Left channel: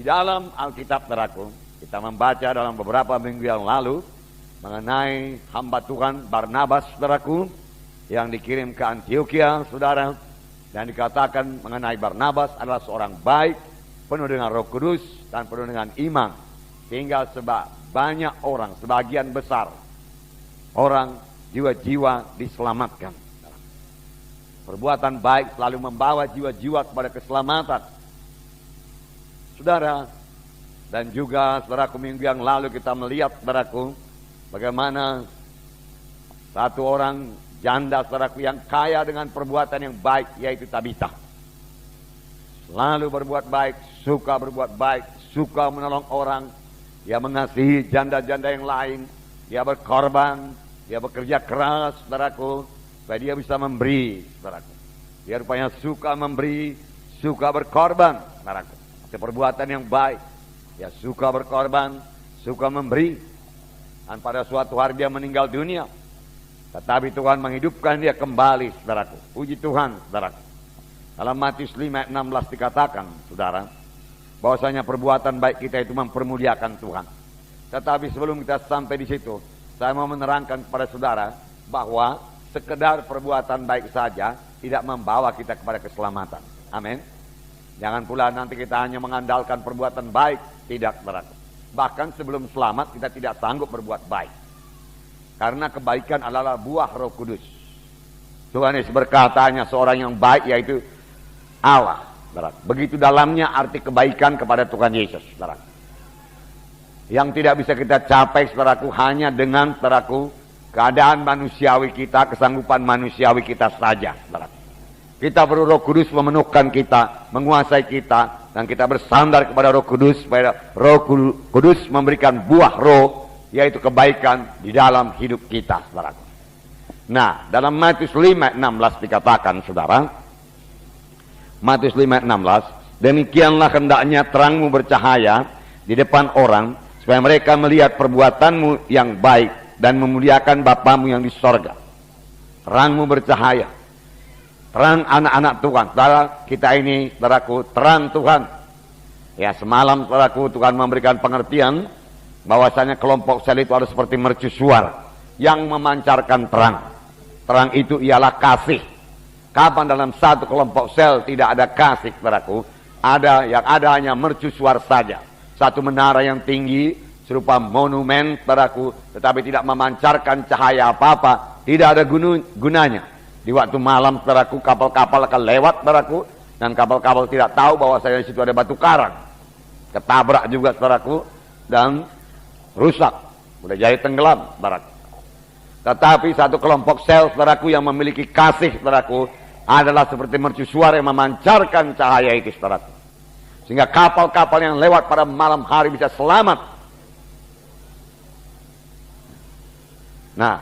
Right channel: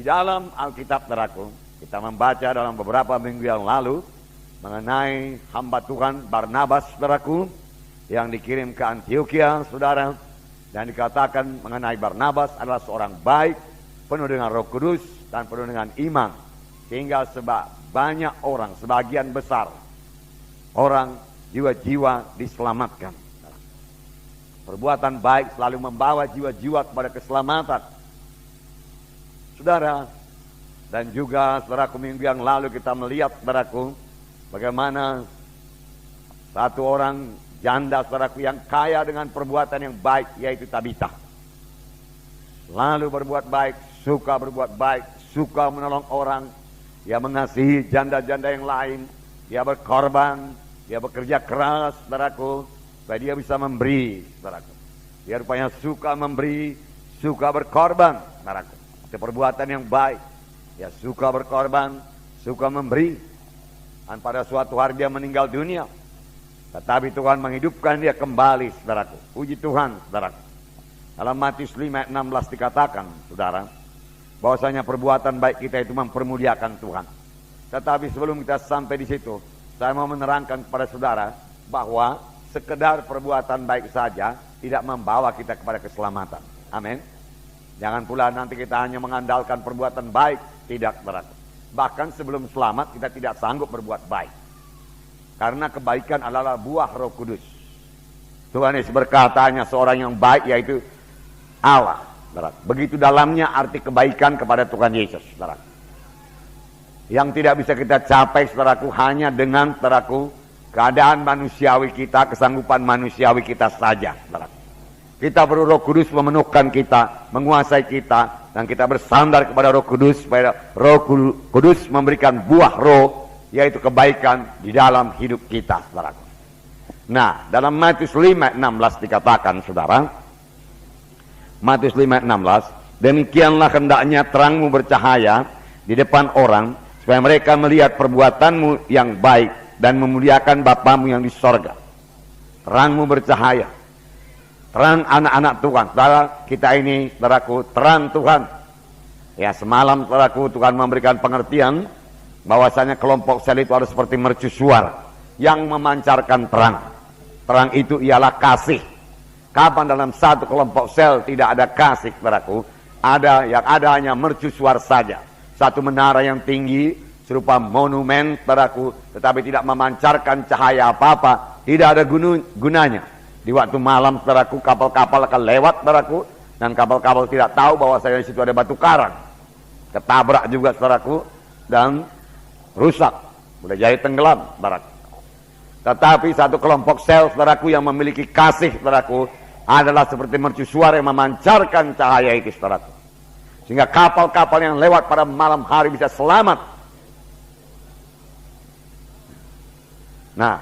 Di dalam Alkitab, saudaraku, kita membaca dalam beberapa minggu yang lalu mengenai hamba Tuhan Barnabas, saudaraku, yang dikirim ke Antioquia, saudara, dan dikatakan mengenai Barnabas adalah seorang baik, penuh dengan Roh Kudus dan penuh dengan iman, sehingga banyak orang, sebagian besar orang, jiwa-jiwa diselamatkan. Perbuatan baik selalu membawa jiwa-jiwa kepada keselamatan, saudara. Dan juga, saudaraku, minggu yang lalu kita melihat, saudaraku, bagaimana satu orang janda, saudaraku, yang kaya dengan perbuatan yang baik, yaitu Tabita. Lalu berbuat baik, suka berbuat baik, suka menolong orang. Dia mengasihi janda-janda yang lain. Dia berkorban, dia bekerja keras, saudaraku, supaya dia bisa memberi, saudaraku. Dia rupanya suka memberi, suka berkorban, saudaraku. Itu perbuatan yang baik. Dia suka berkorban, suka memberi. Dan pada suatu hari dia meninggal dunia. Tetapi Tuhan menghidupkan dia kembali, saudaraku. Puji Tuhan, saudaraku. Dalam Matius 5:16 dikatakan, saudara, bahwasanya perbuatan baik kita itu mempermuliakan Tuhan. Tetapi sebelum kita sampai di situ, saya mau menerangkan kepada saudara bahwa sekedar perbuatan baik saja tidak membawa kita kepada keselamatan. Amin. Jangan pula nanti kita hanya mengandalkan perbuatan baik. Tidak, saudara. Bahkan sebelum selamat kita tidak sanggup berbuat baik. Karena kebaikan adalah buah Roh Kudus. Tuhan Yesus berkata hanya seorang yang baik, yaitu Allah. Saudara. Begitu dalamnya arti kebaikan kepada Tuhan Yesus, saudara. Yang tidak bisa kita capai, saudaraku, hanya dengan, saudaraku, keadaan manusiawi kita, kesanggupan manusiawi kita saja, saudaraku. Kita perlu Roh Kudus memenuhkan kita, menguasai kita, dan kita bersandar kepada Roh Kudus supaya Roh Kudus memberikan buah roh, yaitu kebaikan di dalam hidup kita, saudaraku. Nah, dalam Matius 5:16 dikatakan, saudara, Matius 5:16, demikianlah hendaknya terangmu bercahaya di depan orang, supaya mereka melihat perbuatanmu yang baik dan memuliakan Bapamu yang di sorga. Terangmu bercahaya, terang anak-anak Tuhan. Saudara, kita ini, saudaraku, terang Tuhan. Ya, semalam, saudaraku, Tuhan memberikan pengertian bahwasanya kelompok sel itu harus seperti mercusuar yang memancarkan terang. Terang itu ialah kasih. Kapan dalam satu kelompok sel tidak ada kasih, saudaraku? Yang ada hanya mercusuar saja. Satu menara yang tinggi serupa monumen, saudaraku, tetapi tidak memancarkan cahaya apa-apa, tidak ada gunanya. Di waktu malam, saudaraku, kapal-kapal akan lewat, saudaraku, dan kapal-kapal tidak tahu bahwa di situ ada batu karang. Ketabrak juga, saudaraku, dan rusak, sudah jadi tenggelam, saudaraku. Tetapi satu kelompok sel, saudaraku, yang memiliki kasih, saudaraku, adalah seperti mercusuar yang memancarkan cahaya itu, saudaraku. Sehingga kapal-kapal yang lewat pada malam hari bisa selamat. Nah,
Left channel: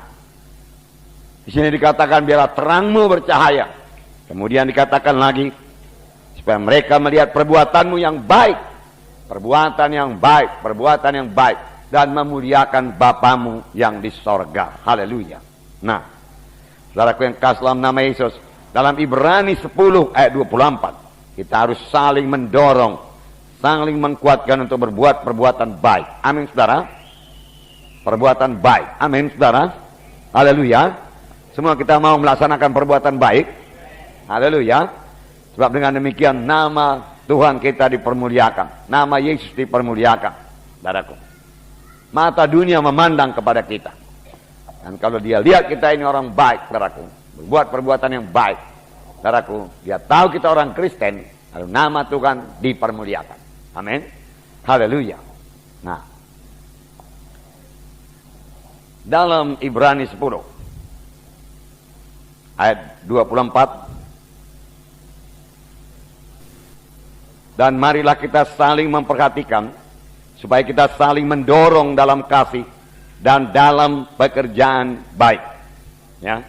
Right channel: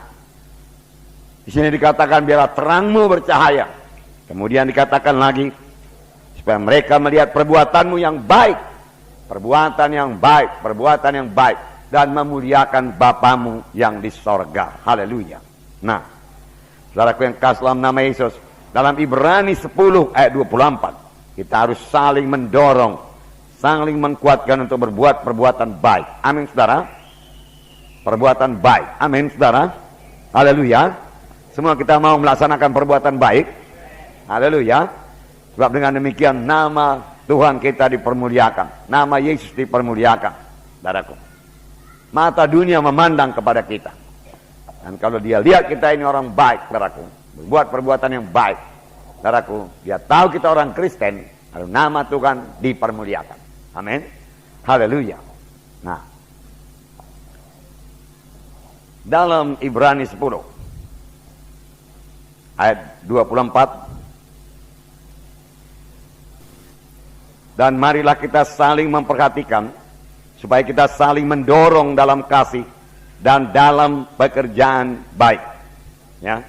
di sini dikatakan biarlah terangmu bercahaya. Kemudian dikatakan lagi supaya mereka melihat perbuatanmu yang baik, perbuatan yang baik, perbuatan yang baik, dan memuliakan Bapamu yang di sorga. Haleluya. Nah, saudaraku yang kasih dalam nama Yesus, dalam Ibrani 10 ayat 24. Kita harus saling mendorong, saling menguatkan untuk berbuat perbuatan baik. Amin, saudara. Perbuatan baik. Amin, saudara. Haleluya. Semua kita mau melaksanakan perbuatan baik. Haleluya. Sebab dengan demikian nama Tuhan kita dipermuliakan. Nama Yesus dipermuliakan. Saudaraku. Mata dunia memandang kepada kita. Dan kalau dia lihat kita ini orang baik, saudaraku, berbuat perbuatan yang baik, saudaraku, dia tahu kita orang Kristen, lalu nama Tuhan dipermuliakan. Amin. Haleluya. Nah, dalam Ibrani 10 ayat 24, dan marilah kita saling memperhatikan supaya kita saling mendorong dalam kasih dan dalam pekerjaan baik. Ya,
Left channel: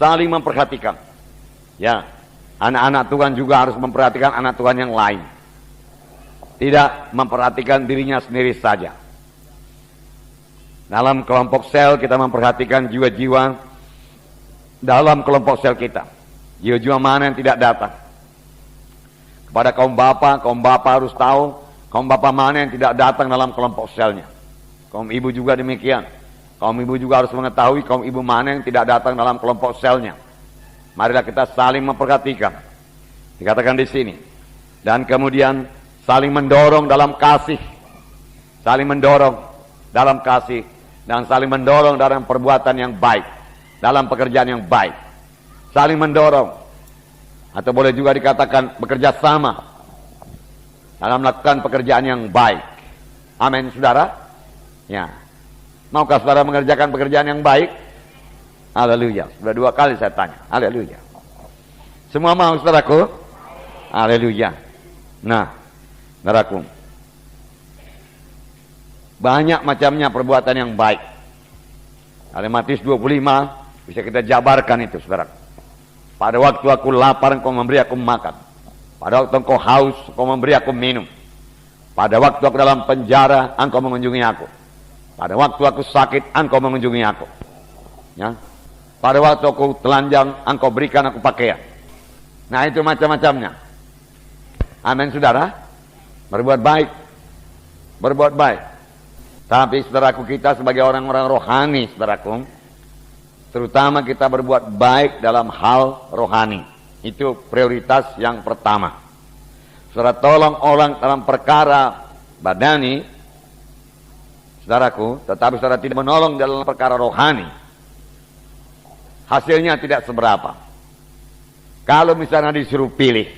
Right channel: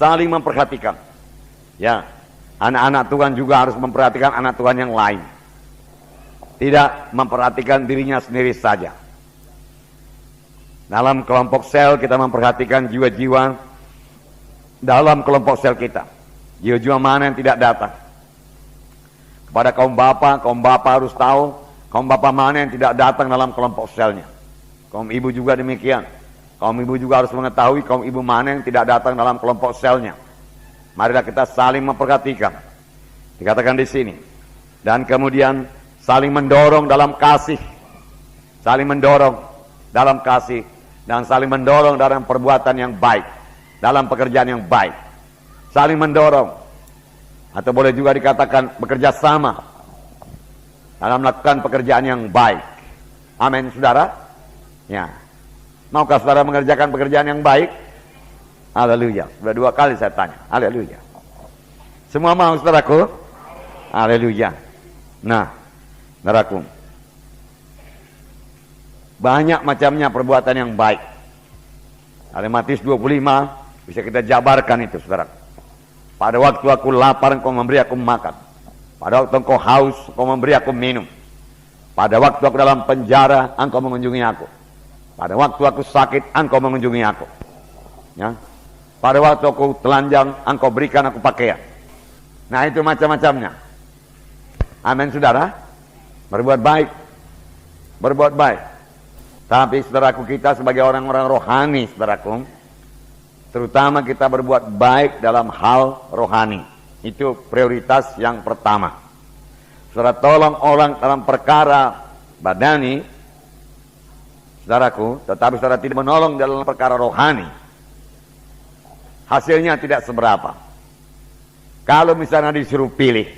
saling memperhatikan. Ya, anak-anak Tuhan juga harus memperhatikan anak Tuhan yang lain. Tidak memperhatikan dirinya sendiri saja. Dalam kelompok sel kita memperhatikan jiwa-jiwa dalam kelompok sel kita. Jiwa-jiwa mana yang tidak datang. Pada kaum bapa harus tahu Kaum bapak mana yang tidak datang dalam kelompok selnya? Kaum ibu juga demikian. Kaum ibu juga harus mengetahui kaum ibu mana yang tidak datang dalam kelompok selnya. Marilah kita saling memperhatikan. Dikatakan di sini. Dan kemudian saling mendorong dalam kasih. Saling mendorong dalam kasih. Dan saling mendorong dalam perbuatan yang baik. Dalam pekerjaan yang baik. Saling mendorong. Atau boleh juga dikatakan bekerja sama dalam melakukan pekerjaan yang baik. Amin, saudara. Ya. Maukah saudara mengerjakan pekerjaan yang baik? Haleluya. Sudah 2 kali saya tanya. Haleluya. Semua mau, saudaraku? Haleluya. Nah, saudaraku, banyak macamnya perbuatan yang baik. Dalam Matius 25 bisa kita jabarkan itu, saudara. Pada waktu aku lapar, engkau memberi aku makan. Pada waktu engkau haus, engkau memberi aku minum. Pada waktu aku dalam penjara, engkau mengunjungi aku. Pada waktu aku sakit, engkau mengunjungi aku. Ya. Pada waktu aku telanjang, engkau berikan aku pakaian. Nah, itu macam-macamnya. Amin, saudara. Berbuat baik. Berbuat baik. Tapi saudaraku, kita sebagai orang-orang rohani, saudaraku, terutama kita berbuat baik dalam hal rohani. Itu prioritas yang pertama. Saudara tolong orang dalam perkara badani, saudaraku, tetapi saudara tidak menolong dalam perkara rohani, hasilnya tidak seberapa. Kalau misalnya disuruh pilih,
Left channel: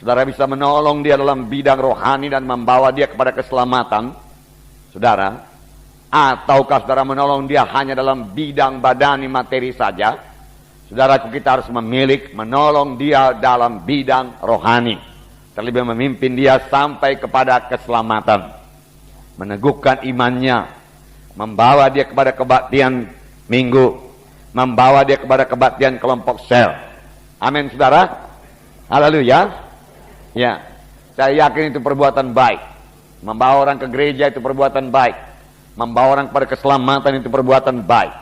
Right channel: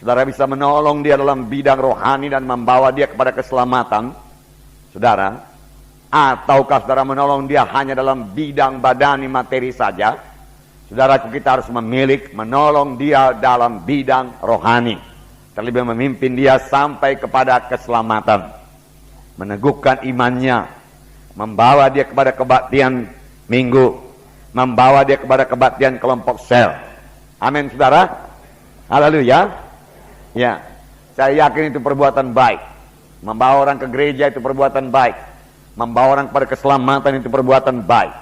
saudara bisa menolong dia dalam bidang rohani dan membawa dia kepada keselamatan, saudara, ataukah saudara menolong dia hanya dalam bidang badani materi saja, saudaraku, kita harus memilih menolong dia dalam bidang rohani, terlebih memimpin dia sampai kepada keselamatan, meneguhkan imannya, membawa dia kepada kebaktian minggu, membawa dia kepada kebaktian kelompok sel. Amin, saudara. Haleluya. Ya, saya yakin itu perbuatan baik. Membawa orang ke gereja itu perbuatan baik. Membawa orang kepada keselamatan itu perbuatan baik.